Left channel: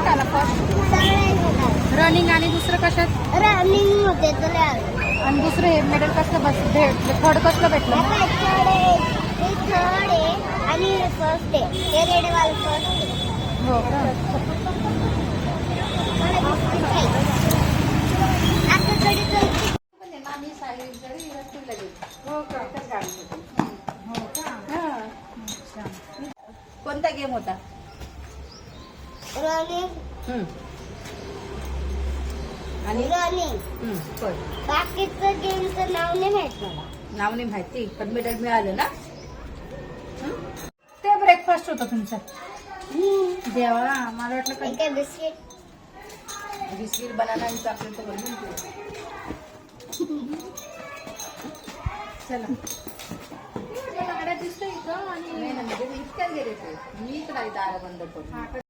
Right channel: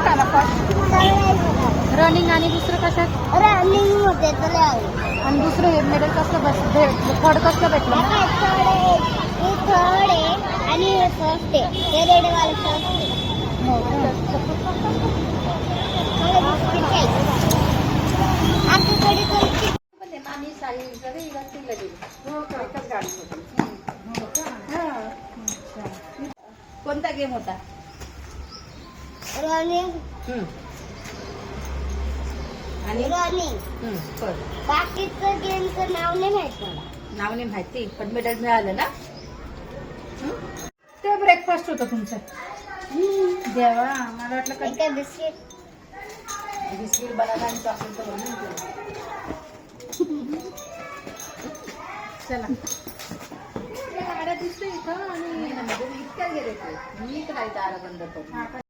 आला रनिंग आणि दुसरं कशात रनिंग होते तुला आणि दुसरं मेडल कसलं थर्ड कसलं भेटलं हे थर्ड आहे आणि हे फर्स्ट आहे हे रेड वाला फर्स्ट आहे मला बिस्किट खायचं आता थोडी आम्ही साडी रस्तीला गेली हो का एकच गाडी होती कोणता गेम होता रनिंग आणि रनिंग पण बाकीचं गेमचं नाव नाही माहित मला नाव नाही माहिती पण मेडल मिळालं ना ते ब्रेकफास्ट होतं तुमचं देवा मला वाटलं काय बिस्किट बिस्किट बनाना आणि चॉकलेट तर बनवून चला गाड्या दिसतोय इथं आणि इतक्या गेले ते मी इकडे दारा बंद करून